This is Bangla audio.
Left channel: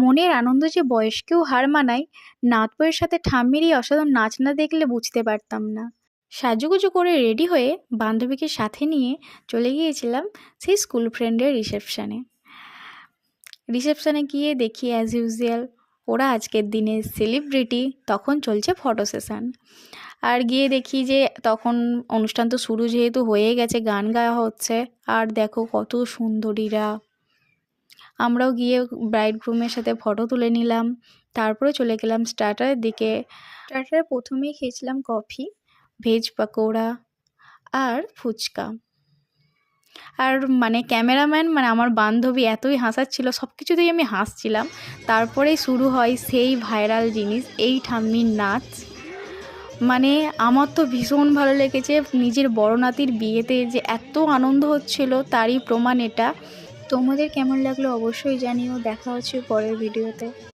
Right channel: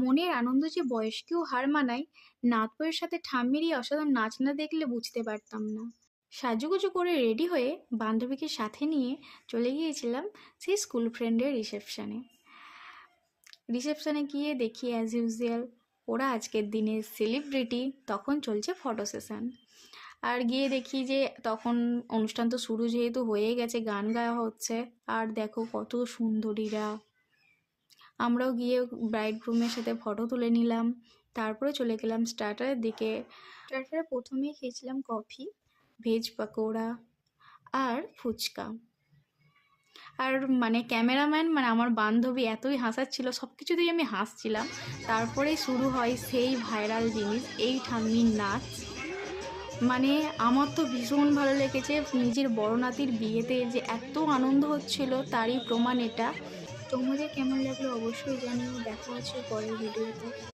মনের আনন্দ যে বয়সকেও হার মানায়, নাতবউয়ের সাথে ঠাম্মির এই অসাধারণ নাচ না দেখলে বুঝতে পারতাম না। সাজুগুজু করে রেডি হয়ে বান্ধবীকে সাথে নিয়ে চলে গিয়েছিলাম সেই স্কুল ফ্রেন্ডের রিসেপশানে। রিসেপশানে গিয়ে দেখি অ্যাজ ইউজুয়াল ওরা আজকের দিনের সেলিব্রিটি, তখন চলছে ফটো সেশন। আর গিয়ে দেখি যে তখন অনুষ্ঠান তো শুরু যেহেতু হয়ে গেছে, গান গাওয়া হচ্ছে। আর দেখো কত সুন্দরীরা। আমরাও গিয়ে ব্রাইড গ্রুমের সাথে ফটো তুলে নিলাম। তারপরে চলে গেলাম স্টার্টারের দিকে। স্টার্টারে প্রথমেই খেয়েছিলাম কফি, ভেজ পকোড়া আর ফুচকা। আর ক্যামেরাম্যান আমার বান্ধবী এতই হাসাচ্ছিল, সব কিছুতেই আমি হাসছিলাম। তারপরেই শুরু হয় সেই ভাইরাল জিনিস, এই ঠাম্মির নাচ। আমার তো ভীষণ ভালো লেগেছে। নিজের বড় নাতির বিয়েতে যে এত আনন্দ হচ্ছিল তারই প্রমাণ এটা। তোমাদের কেমন লাগলো অবশ্যই জানিও। দেখা হচ্ছে পরের ভিডিওতে।